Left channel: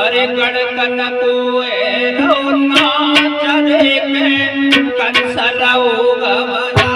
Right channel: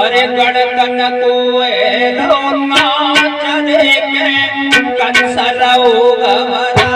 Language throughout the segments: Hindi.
अरे गड़कन को रोना चले के कंसरऊ गवराई।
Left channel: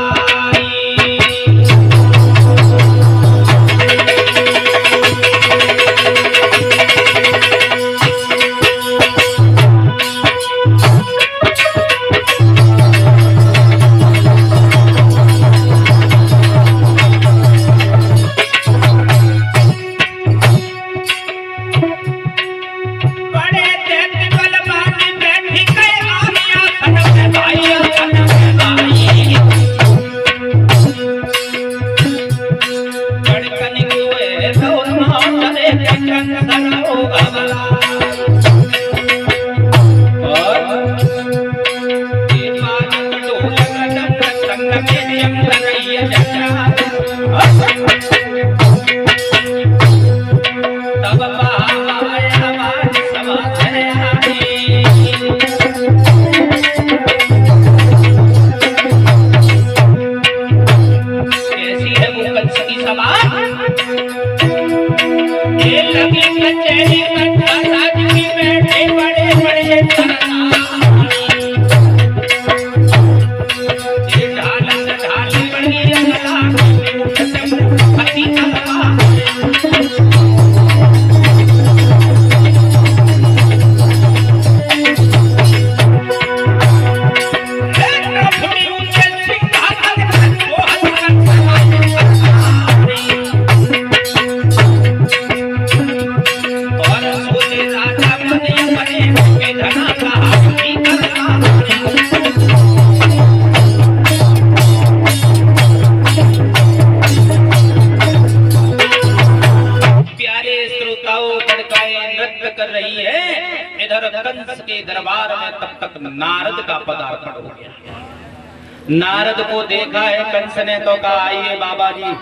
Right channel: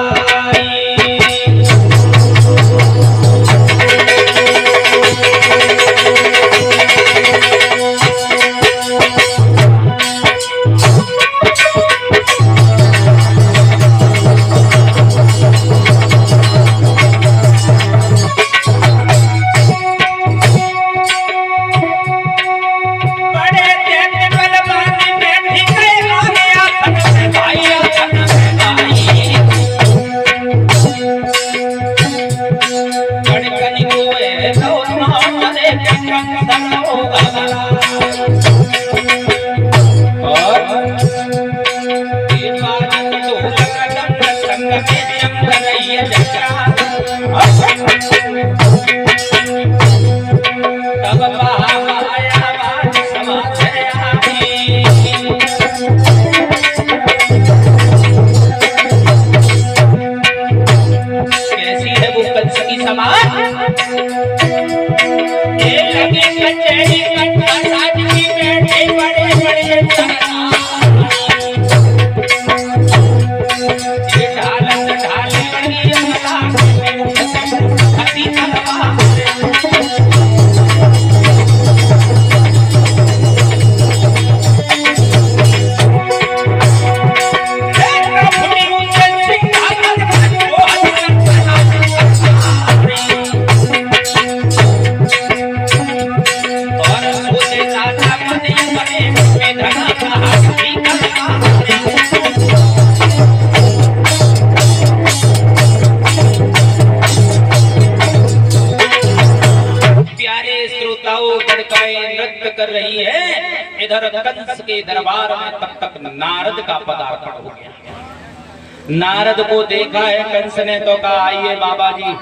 के दरबार में तब तक नारद का पदार्पण हो गया। नारद को देखा है कंस ने तो कहा आइए बाबा जी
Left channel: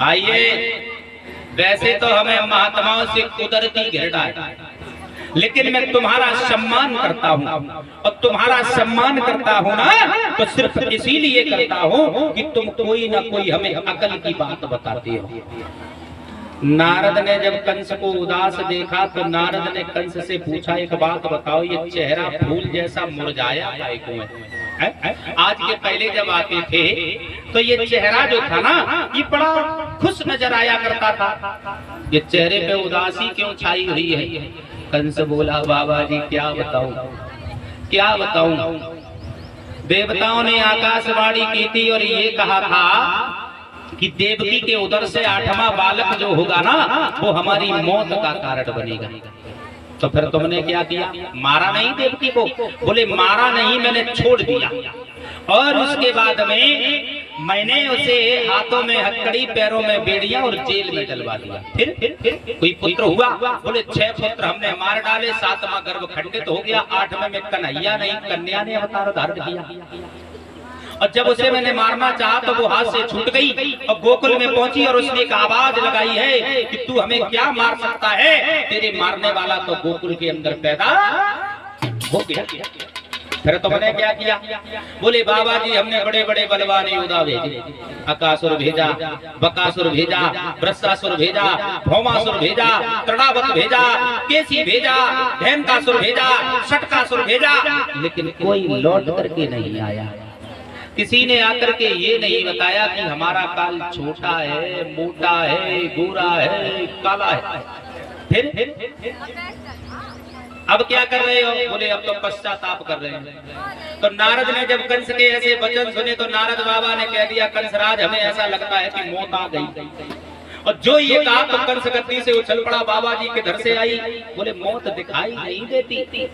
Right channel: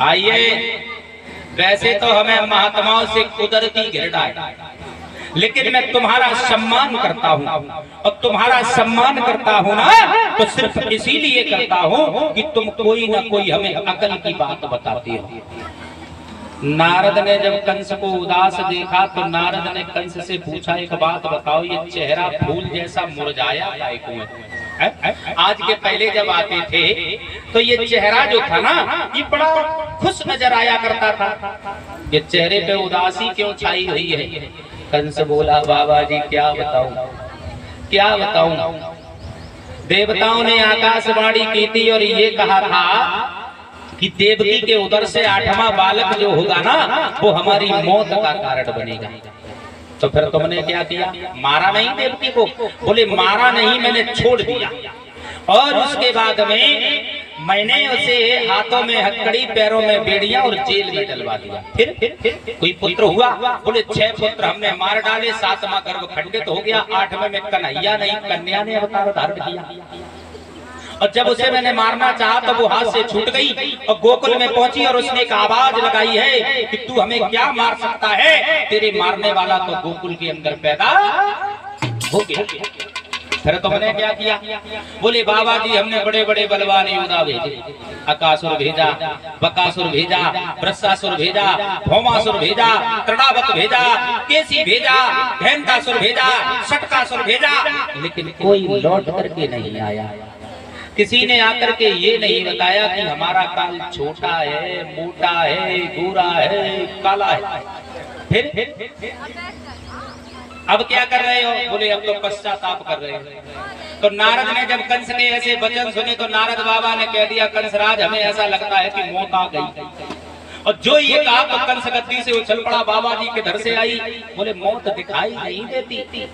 आइए। वैसे तो हमें महात्माओं से कुदरती घृणा है, लेकिन मैं तुम्हारा सम्मान करता हूँ और तुम्हारा सम्मान करता हूँ ना तो सिर्फ इसीलिए करता हूँ कि तुम कोई ना कोई हमें अकल की बात बताती हो। नारद ने जब कंस को उदास देखा तो नारद ने कंस से पूछा एक बात बताओ, ये चेहरा फूल जैसा मुरझाया काहे को है? आज के पहले जब आते थे तो ये चेहरा जो था ना ये बड़ा खुश नजर आया करता था, ये चेहरे पे उदासी क्यों छाई हुई है? कंस बोला बाबा जी क्या बताऊं क्या बताऊं। देवताओं ने आकाशवाणी की थी और ये कहा था कि देवकी के उदर से 8वां बालक जो होगा ना वो हमारी मौत का कारण बनेगा। तो फिर तुमने क्या किया? मारा नहीं देवकी को? बोले मारा नहीं, मैंने छोड़ दिया और उसके बाद में मैंने उसे हाथों में हथकड़ी पैरों में बेड़ियां और जेल में डलवा दिया। फिर कोई पुत्र हुआ? बोले 6 पुत्र हमने मार डाले, 7वां गर्भ खंडित हो गया, 8वें में कन्हैया नहीं कन्या ने अवतार धारण किया। और जब उसे मैंने मारना चाहा तो वो हाथ से छूट गई और गोकुल में पहुंची और उसने एक आवाज लगाई है कि तू हमें क्या मार सकता है, तेरे मारने वाला तो गोकुल के अंदर पैदा हो गया। फिर तुमने क्या किया? बोले बाबा जी हमने बड़े बड़े बलवान योद्धा भेजे, अकासुर भेजा, बकासुर भेजा, वृषासुर भेजा, भौमासुर भेजा, तृणावत भेजा, केसी भेजा, धेनुकासुर भेजा, षटकासुर भेजा, लेकिन कोई लौट करके नहीं आया। किसी ने आकर के ये नहीं बताया कि हमारा काल छोटा है, मोटा है, गोरा है, काला है। फिर अब क्या कर रहे हो? बोले अब तो पश्चाताप कर रहे हैं। तो नारद ने जब कंस के ऐसे वचन सुने तो नारद बाबा ने कह दिया कंसराज हमें ऐसा लगता है कि मौत आ गई। और जो ये कहा तो कंस गद्दी से उछल पड़ा, बाबा जी के घर से आई। बोले मौत दिखाई नहीं देती।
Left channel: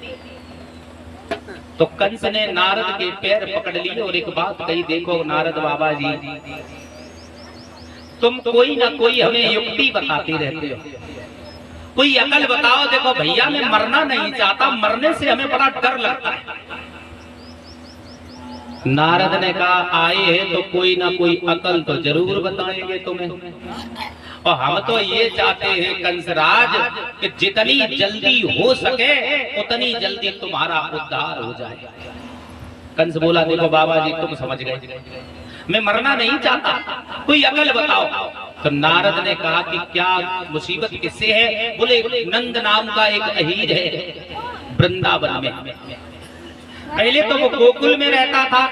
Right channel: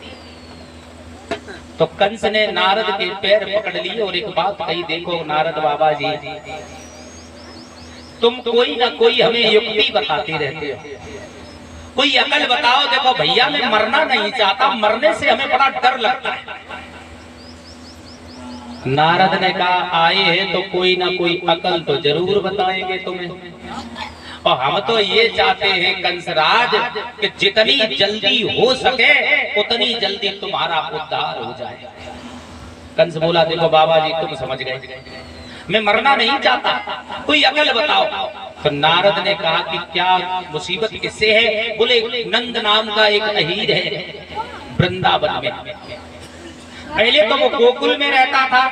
तो कंस ने नारद के पैर पकड़ लिए और एक बात कही, देखो नारद बाबा जी तुम कोई ना कोई हमें युक्ति बताती रहते हो, कोई अकल बताओ। देखो भैया मैं मरना नहीं चाहता, मरने से हमें बड़ा डर लगता है। नारद ने कहा आए हैं तो कोई ना कोई अकल तो जरूर बताएंगे तुम्हें, और हम तो ये चाहते हैं कंसराज कि जितनी जल्दी हो सके उतनी जल्दी तुम्हारा उद्धार हो जाए। कंस बोला देखो बाबा जी तुम समझ गए, मैं मरना नहीं चाहता, कोई अकल बताओ। तो नारद ने कहा कि क्या मुसीबत किससे है? बोले नंद नाम का एक अहीर है वृंदावन में। पहले तो वो गोकुल में रहता था,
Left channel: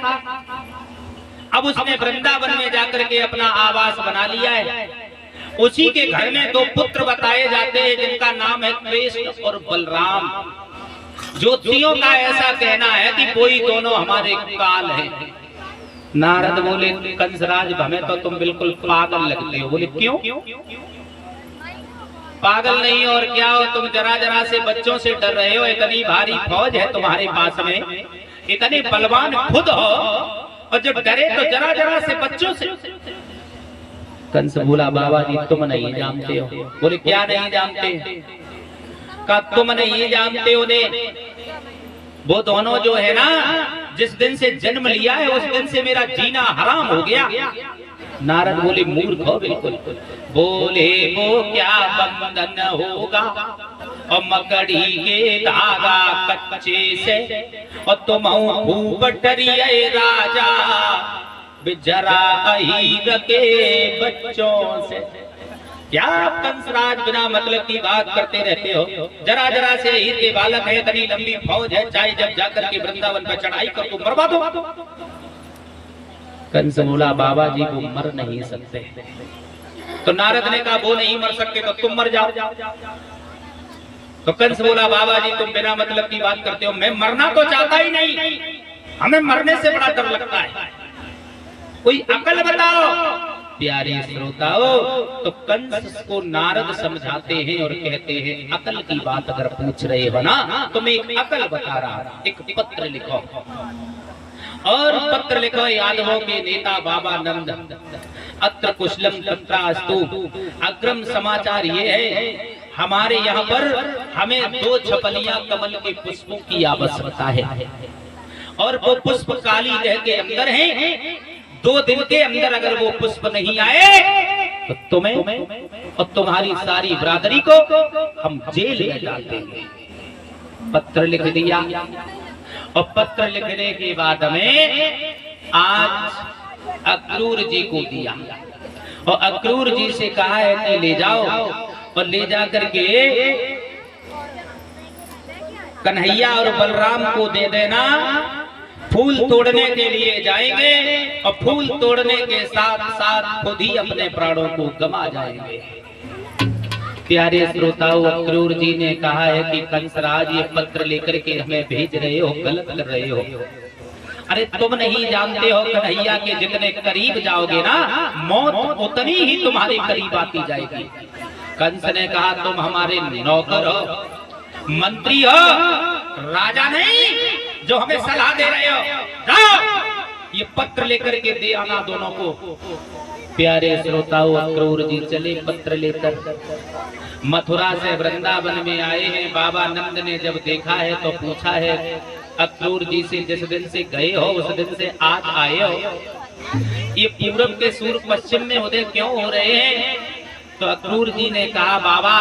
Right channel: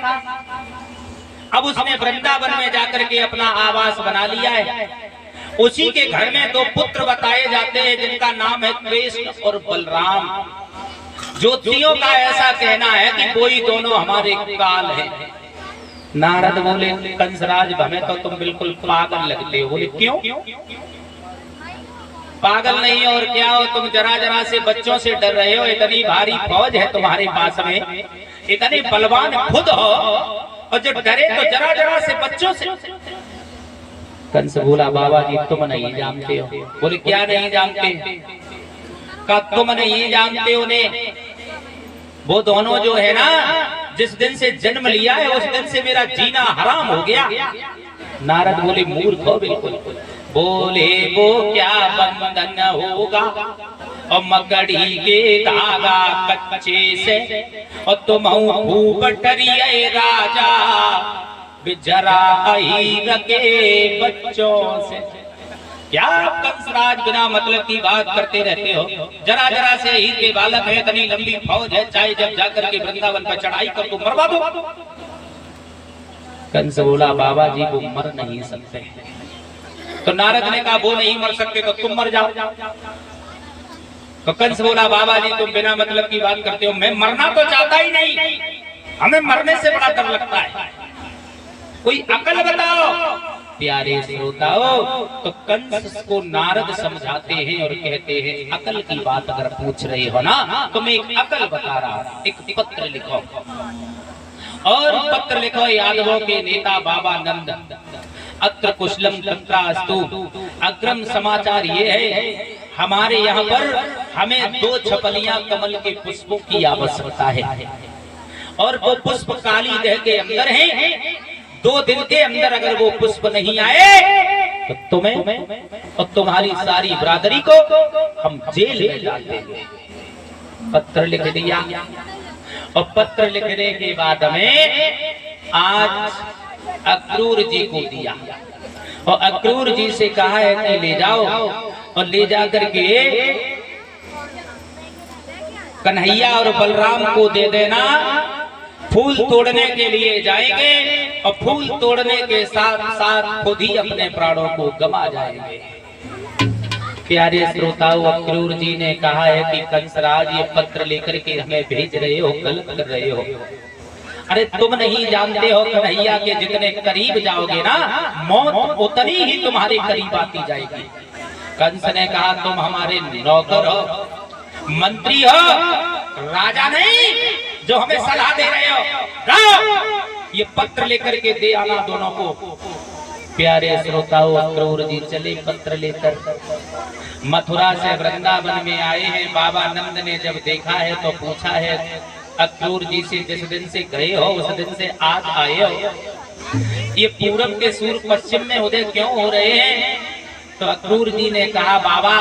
अब उसने वृंदावन में जाकर के अपना आवास बना लिया है। उसी के घर में दो पुत्र बताए जाते हैं जिनका नाम है कृष्ण और बलराम। ज्योतिषियों का ऐसा कहना है कि कोई दोनों हमारे काल हैं। नारद बोले कंसराज हमें तो तुम बिल्कुल पागल लगते हो। बोले क्यों? पागल नहीं और क्या हो, तुम जरा जरा से बच्चों से डर रहे हो। इतनी भारी फौज है तुम्हारे पास में, इतने बलवान खुद हो और जो डरे तो जरा जरा से बच्चों से। कंस बोला बाबा जी तुम नहीं जानते हो। बोले क्या नहीं जानते? का तुम नहीं जानते हो ने वो दोनों जो है ना, जिस दिन से जन्म लिया है उस दिन से मेरा जीना हराम हो गया। नारद बोले मूर्ख हो बिल्कुल। बोले वो क्या बंधन होगा और मकड़ी के धागा कच्चे से, और तुम भूपटरिये राजा जरा अहीर के बच्चों से। क्या आप कंसराज बिना मतलब की बात करते रहते हो? जरा जरा से अहीर के बालक है, इतनी लंबी फौज है, चाहे जब जाकर के वृंदावन पर चढ़ाई कर तो मरवा दो। कंस बोला बाबा जी वो मर नहीं सकते। तो नारद ने कहा वो नहीं मर सकते तो तुम मर जाओ। तो कंस बोला बाबा जी तुम बिना मतलब की बात करते हो, मैं मरना तो चाहता ही नहीं, हमें मरने से बड़ा डर लगता है, कोई अकल बताओ। प्यारे श्रोताओ, तो कंस को नारद समझाते हैं और कहते हैं अकल की बात अगर पूछ रहे हो ना तो मैं एक अकल बता रहा हूं। एक पत्र लिखो और पत्र लिखो यादवों के नेता बाबा नंद, अत्र कुशलम तत्रास्तु। अग्रम समाचार ये है हमारे यहाँ पर हमें 2 छपलियां कमल के पुष्पों की आवश्यकता है और वो पुष्प काली देह के अंदर हैं। 2 दिन के अंदर अगर वो पुष्प नहीं आए तो तुम्हें और तुम्हारी सारी बिरादरी को हम जेल में डाल देंगे। पत्र लिख दिया और पत्र लिखने के बाद में आज अक्रूर जी को दिया और अक्रूर जी से कहा है कि ले जाओ और ले जाकर के कन्हैया और बलराम को दे देना। फूल तोड़ने के लिए जाएंगे और फूल तोड़ने के साथ साथ खुद ही अपने प्राणों को गंवा जाएंगे। प्यारे श्रोताओं, अक्रूर जी ने कहा है कि कंसराज ये पत्र लेकर के हमें भेज रहे हो, गलत कर रहे हो। अरे तुम नहीं जानते हो कन्हैया के जितने करीब जाओगे ना मौत उतनी ही तुम्हारे करीब आती जाएगी। कंस ने कहा तुम हमारे नौकर हो, मंत्री हो, राजा नहीं जो हमें सलाह दे रहे हो। ये पत्र लेकर के दे आना दोनों को। प्यारे श्रोताओं, अक्रूर जी चले पत्र लेकर मथुरा से वृंदावन में आए हैं। बाबा नंद ने जब देखा है तो पूछा है अक्रूर जी से जिस दिन से गए हो उस दिन से आज आए हो, ये पूरब के सूर्य पश्चिम में उदय क्यों हो रहे हैं? तो अक्रूर जी ने कहा बाबा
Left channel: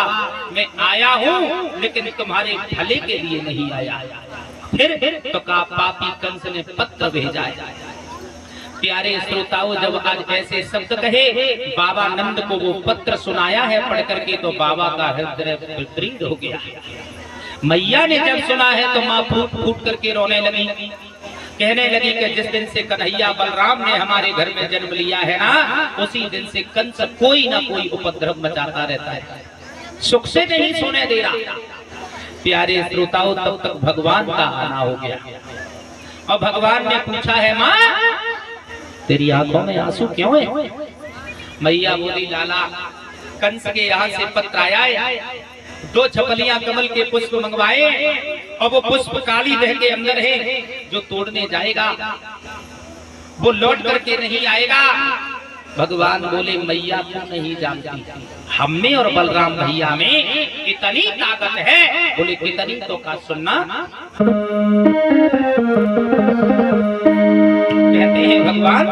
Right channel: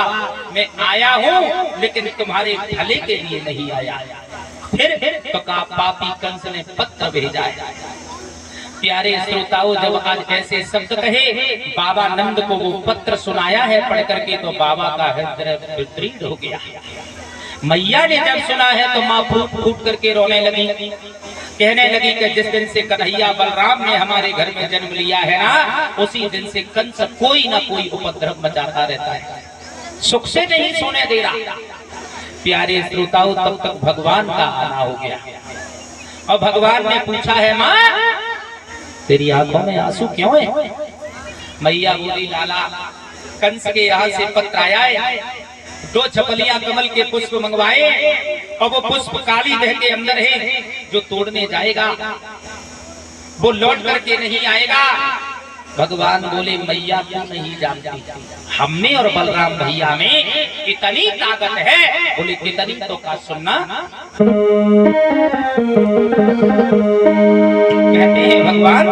मैं आया हूँ लेकिन तुम्हारे भले के लिए नहीं आया। फिर तो कहा पापी कंस ने पत्र भेजा है। प्यारे श्रोताओं, जब आज ऐसे शब्द कहे बाबा नंद को वो पत्र सुनाया है पढ़ करके तो बाबा का हृदय विपरीत हो गया। मैया ने जब सुना है तो माँ फूट फूट करके रोने लगी, कहने लगी कि जिस दिन से कन्हैया बलराम ने हमारे घर में जन्म लिया है ना उसी दिन से कंस कोई ना कोई उपद्रव मचाता रहता है, सुख से नहीं सोने दे रहा। प्यारे श्रोताओं, तब तक भगवान का आना हो गया और भगवान ने पूछा है माँ तेरी आंखों में आंसू क्यों है? मैया बोली लाला कंस के यहाँ से पत्र आया है, 2 छपलियां कमल के पुष्प मंगवाए और वो पुष्प काली देह के अंदर है, जो तोड़ने जाएगा वो लौट करके नहीं आएगा। भगवान बोले मैया क्यों नहीं जानती, हमने और बलराम भैया में इतनी ताकत है। बोले कितनी तो का सुनना। कहते हैं भगवान